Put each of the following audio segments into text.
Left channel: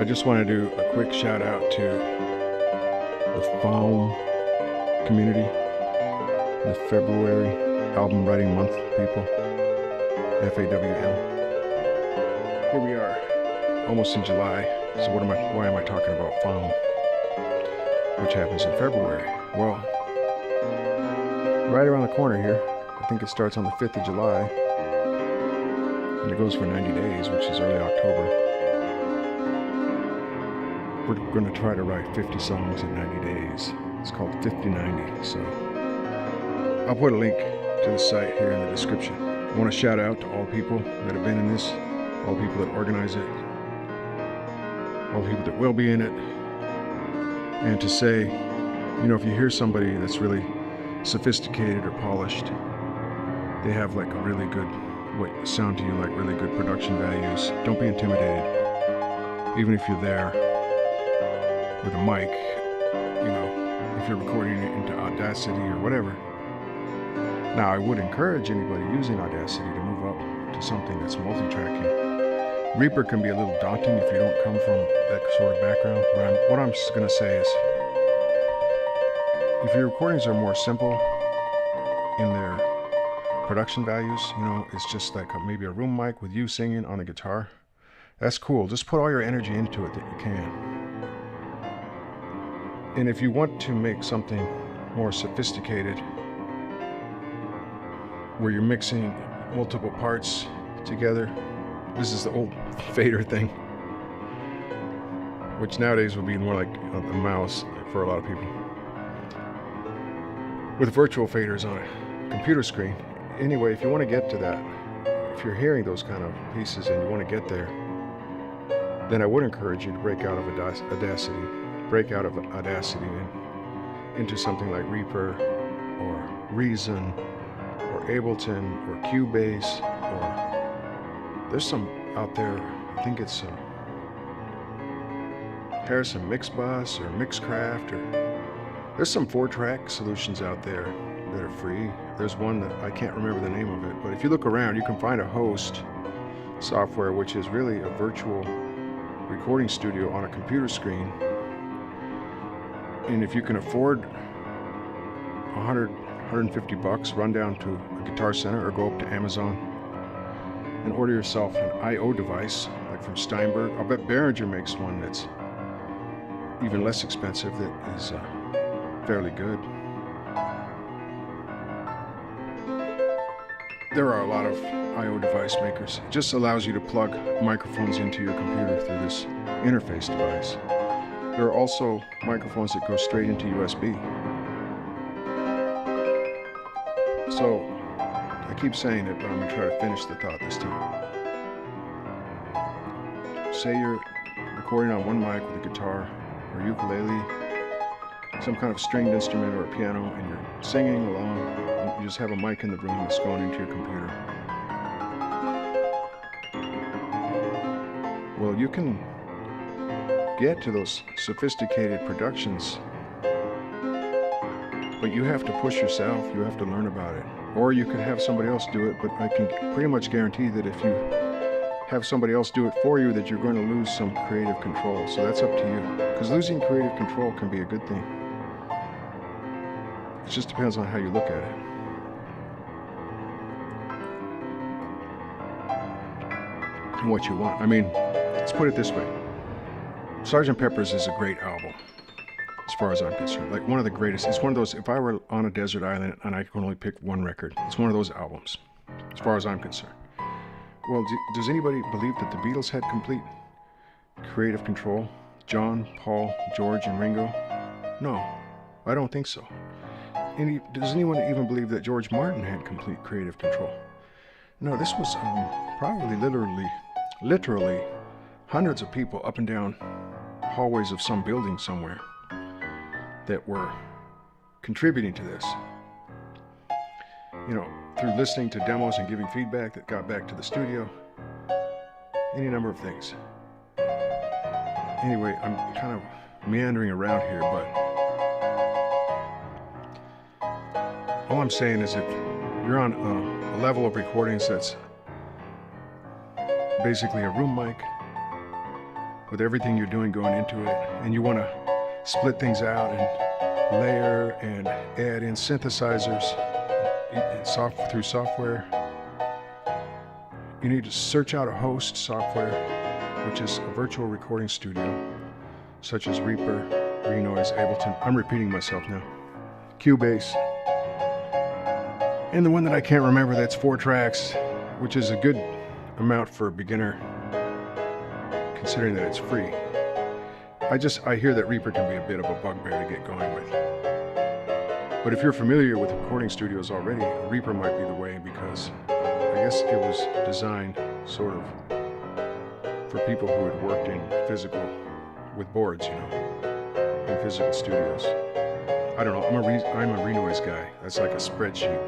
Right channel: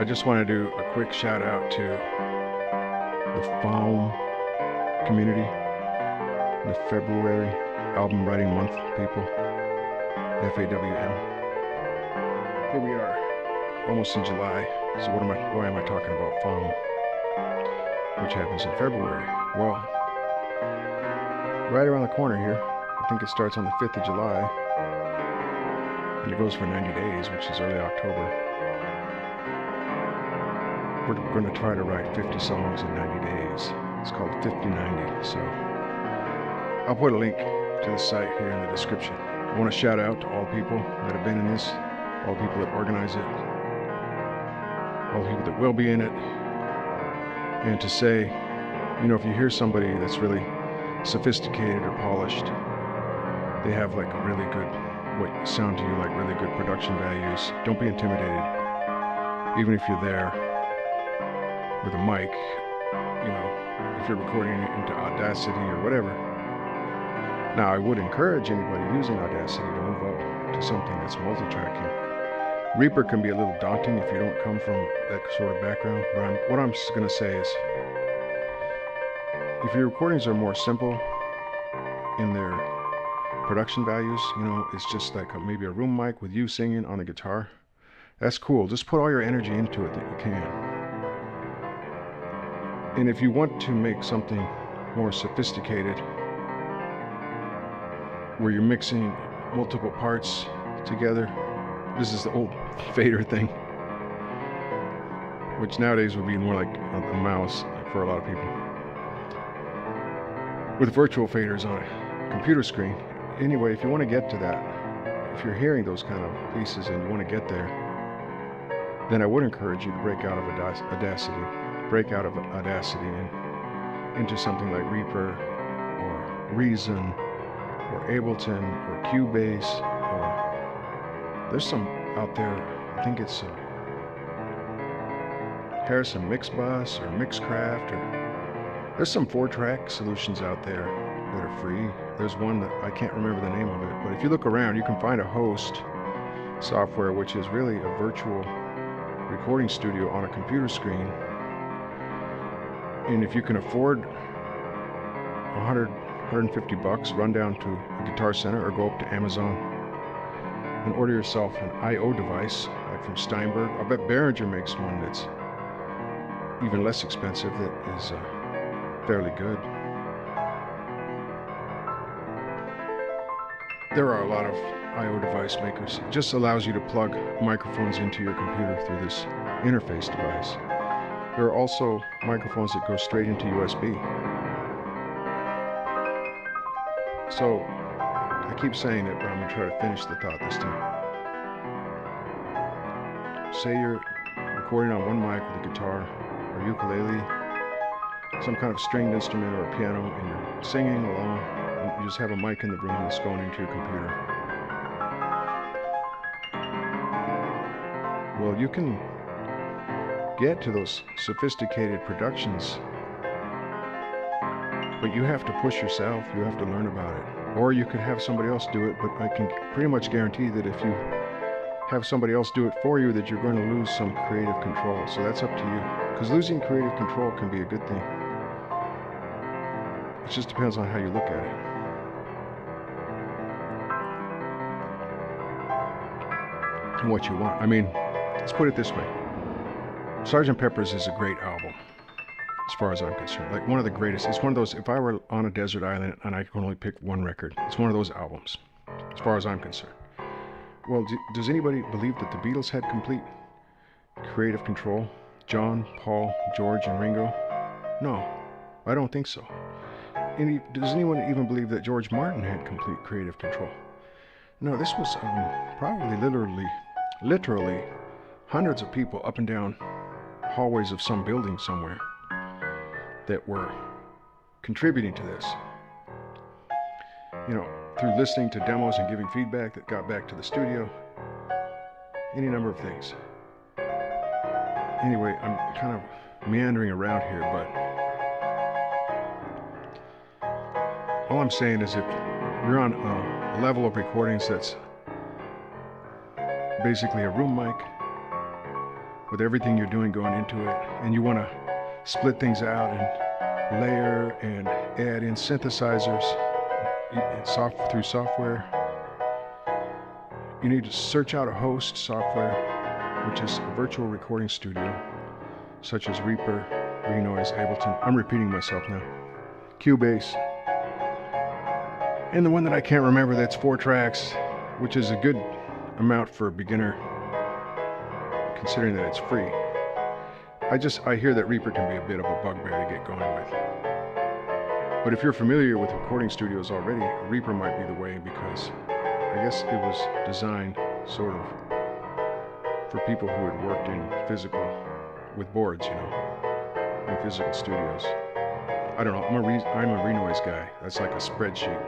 I just want to do a quick shout out to the FAWM community, the February album writing month people, FAWM. Here we are, almost in July. So why am I talking about FAWM, which happens in February? Well, right around the corner here, I think it starts on the 5th of July, and it goes for 90 days, which is early October. We're going to try to write 50 songs in 90 days. It's called 50-90. So I'll put a link to the site here in the description. I want to shout out to all people that have been in this, all the people that organize it, all the people that will be in it, and to say, you know, if you hear somebody that's really sophisticated or polished, they have like a really good, what sound to you like really good production values, don't be intimidated. Even if you're there with a mic, you know, if you're recording it into Audacity or whatever. Now, I would encourage anybody using Audacity to move up to something that's multi-tracking. Reaper can be a little daunting if you don't come from that sort of background, but what I'm going to say is, if your recordings are more simple in their production values, you know, it's just like maybe a room mic with you singing on a guitar, that's cool. Just put all your energy into it that you can. And if you want to make something more sophisticated, where you're mixing multiple parts together, this is the old fader thing, which nowadays would be more like a mouse for a lot of people, with virtual faders on a computer screen. Anyway, if you want to get to that, if you're hearing those kind of pieces and you want to get there, then I would encourage you to break out of Audacity and into something like Reaper or Reason or Ableton or Cubase, or there's some out there, I think it's Harrison Mixbus or Mixcraft, or there's some 4-track solutions out there that are free. There's one that I can't remember the name of it, but if you look around, you can find a host software which is really a virtual recording studio on a computer screen. And if you can afford $150, run down to a Guitar Center or go up to Amazon and order yourself an I/O device, like from Steinberg. I'll bet Behringer makes one that's even less expensive, that is fairly good. There are a lot of I/O device makers. It just allows you to plug microphones into your computer through this interface device. There are also microphones that go straight into USB. So, I keep saying it, but I'm going to try to finish the thought this time. Say you're recording on one mic with a guitar or ukulele, some kind of stringed instrument or a piano, and you're singing along, and you just have a mic in the room that's going into your computer. Well, you can get to those sophisticated productions, but you have to push yourself. You have to learn about it. Or you could have somebody else do it, but I can pretty much guarantee that if you have somebody else do it for you, that you're going to lose some creative control. So that's up to you, because losing creative control can be a good thing. It just depends on how you look at it. And what you want. I mean, let's put it this way. Sgt. Pepper's is a great album, as far as I'm concerned. Like one of the greatest. It's one of those, if I were on a desert island and I could only pick one record, it's one of those albums, as far as I'm concerned. Well, does anybody believe that the Beatles had complete creative control? John, Paul, George, and Ringo? No, I don't think so. Does anyone even believe that George Martin had complete creative control? No, this was probably literally hundreds of people up and down hallways of some building somewhere that were contributing to this. You know, through listening to demos and giving feedback that got back to the studio. Any number of things. Anyway, I'm kind of meandering around here, but all I'm saying is if you're on a level of recordings that's basically a room mic with everything you're doing going into it, and you want to split things out and layer and add in synthesizers through software, you need to search out a host software, which is a virtual recording studio, such as Reaper, Renoise, Ableton. I'm repeating myself now. Cubase. And the one that I can't remember that's 4 tracks, which is a good amount for a beginner, considering that it's free. I hear that Reaper can be a bit of a bugbear to get going with. But if you're familiar with recording studios already, Reaper might be the way, because I guess it was designed sort of for people who had worked in physical, with boards, in physical studios. I don't know, I'm a Renoise guy. That's like a spreadsheet.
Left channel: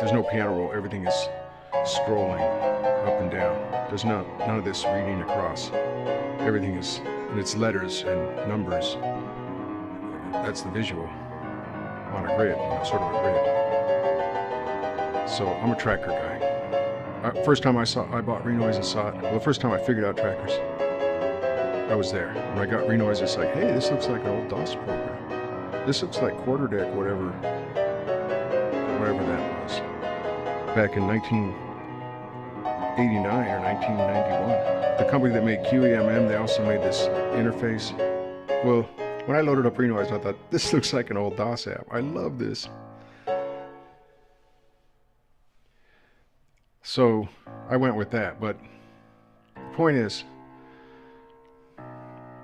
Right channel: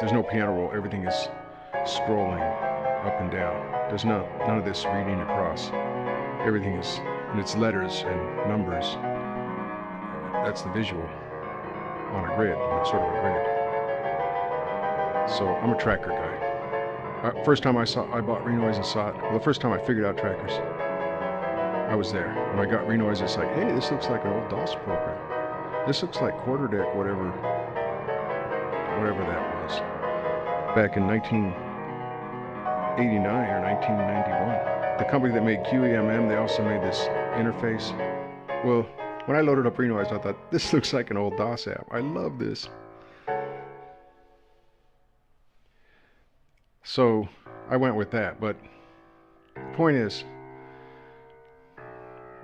There's no piano roll, everything is scrolling up and down. There's none of this reading across. Everything is, and it's letters and numbers. That's the visual on a grid, sort of a grid. So I'm a tracker guy. First time I bought Renoise and saw it. Well, the first time I figured out trackers, I was there. When I got Renoise, it's like, hey, this looks like an old DOS program. This looks like quarter deck, whatever that was, back in 1989 or 1991. The company that made QEMM, they also made this interface. Well, when I loaded up Renoise, I thought, this looks like an old DOS app. I love this. So I went with that. But the point is,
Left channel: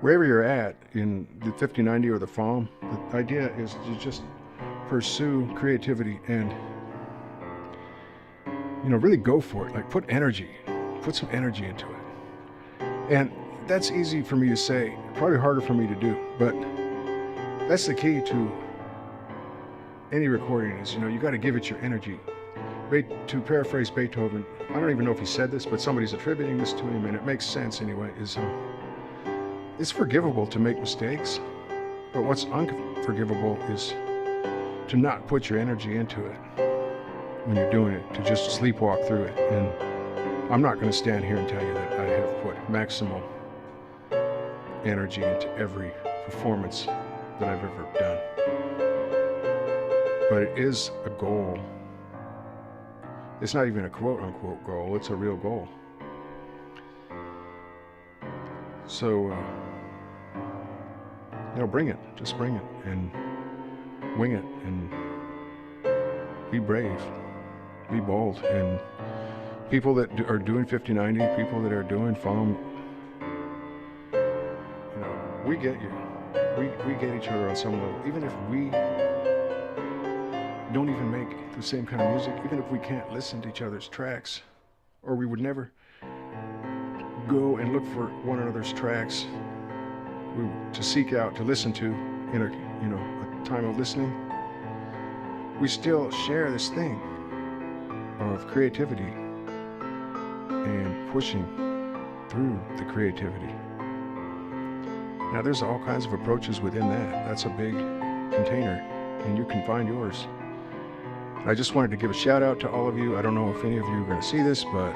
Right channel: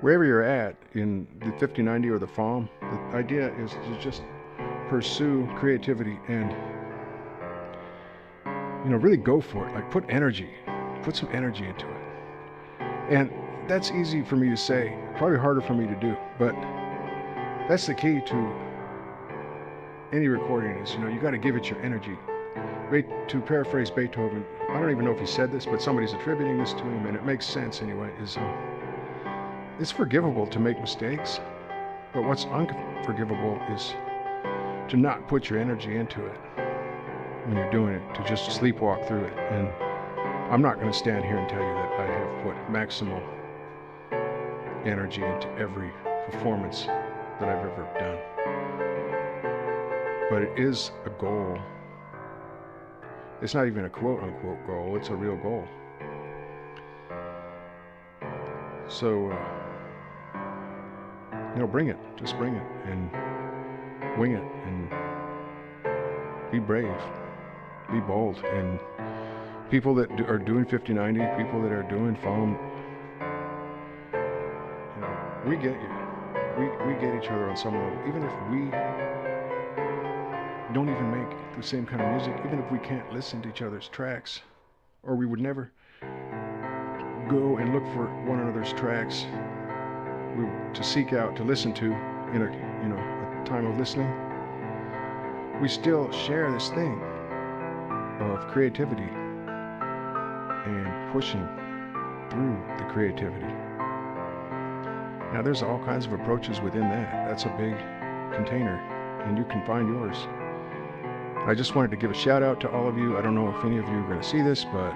wherever you're at in the 5090 or the FAWM, the idea is to just pursue creativity and, really go for it. Like put some energy into it. And that's easy for me to say, probably harder for me to do, but that's the key to any recording is, you got to give it your energy. To paraphrase Beethoven, I don't even know if he said this, but somebody's attributing this to him, and it makes sense anyway, is it's forgivable to make mistakes, but what's unforgivable is to not put your energy into it when you're doing it, to just sleepwalk through it. And I'm not going to stand here and tell you that I have put maximal energy into every performance that I've ever done. But it is a goal. It's not even a quote-unquote goal, it's a real goal. So, bring it. Just bring it and wing it and be brave, be bold. And people that are doing 5090, people that are doing FAWM, we get you. We get each other on some level. Even if we don't even make the same kind of music, even if we can't listen to each other's tracks, or we would never go and look for one another's tracks to seek out, to listen to in a time of listening, we still share this thing of creativity and pushing through the creativity. Now there's all kinds of approaches within that. That's a big container, and you can find yours. I just wanted to give a shout out to all of you. I don't know if any of you are going to see this, but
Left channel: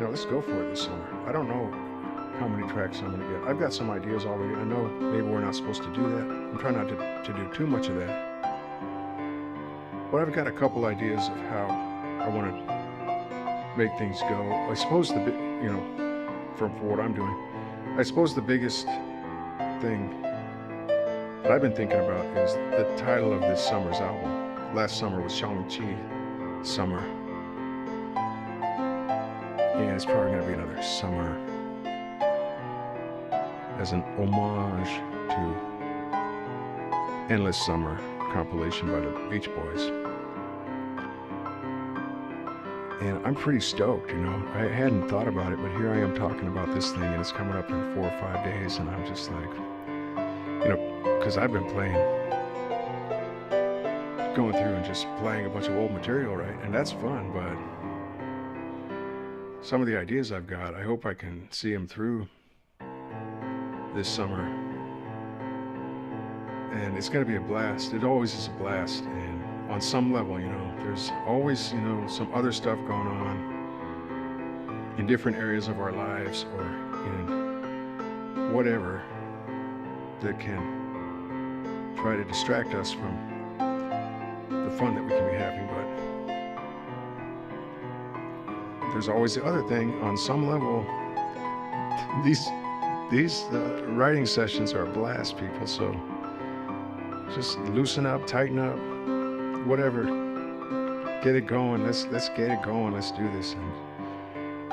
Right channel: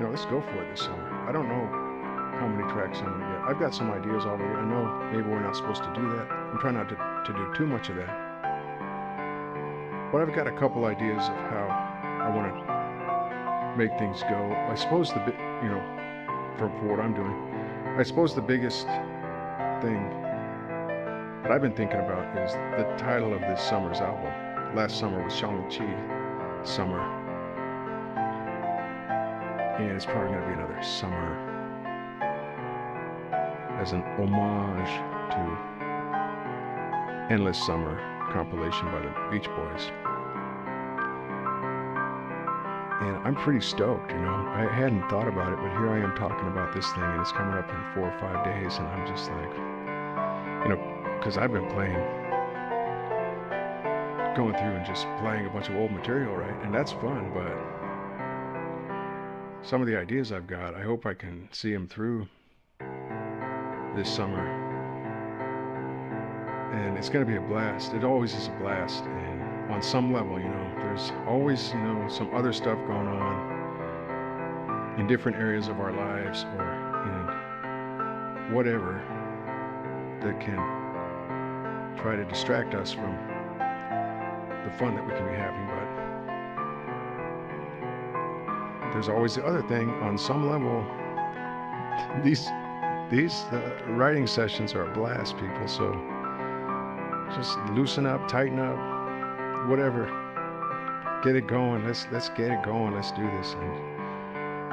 let's go for it this summer. I don't know how many tracks I'm going to get. I've got some ideas already. I know maybe we're not supposed to do that. I'm trying not to do too much of that. But I've got a couple ideas of how I want to make things go. I suppose for what I'm doing, I suppose the biggest thing that I've been thinking about is the title of this summer's album. Last summer was Shoutout Summer, and it's probably going to be another summer as an homage to Endless Summer compilation by the Beach Boys. And I'm pretty stoked, I hadn't thought about it, but here I am talking about this thing, and it's coming up in 4 or 5 days, and I'm just like, because I've been going through and just playing a bunch of old material, right? And that's fun, but some of the ideas I've got, I hope I can see them through this summer. And it's going to be a blast. It always is a blast. And on some level, there's always, some other stuff going on. in different areas of our lives or in whatever that can try to distract us from the fun that we can be having. But there's always the other thing. On some level, these writing sessions are a blast, people. So just loosen up, tighten up, whatever. Get it going. Let's get it going. Let's do this. And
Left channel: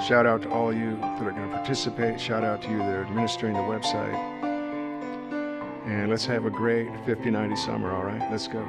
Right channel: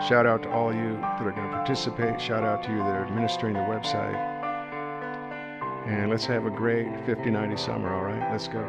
shout out to all you that are going to participate. Shout out to you that are administering the website. And let's have a great 50-90 summer. All right, let's go.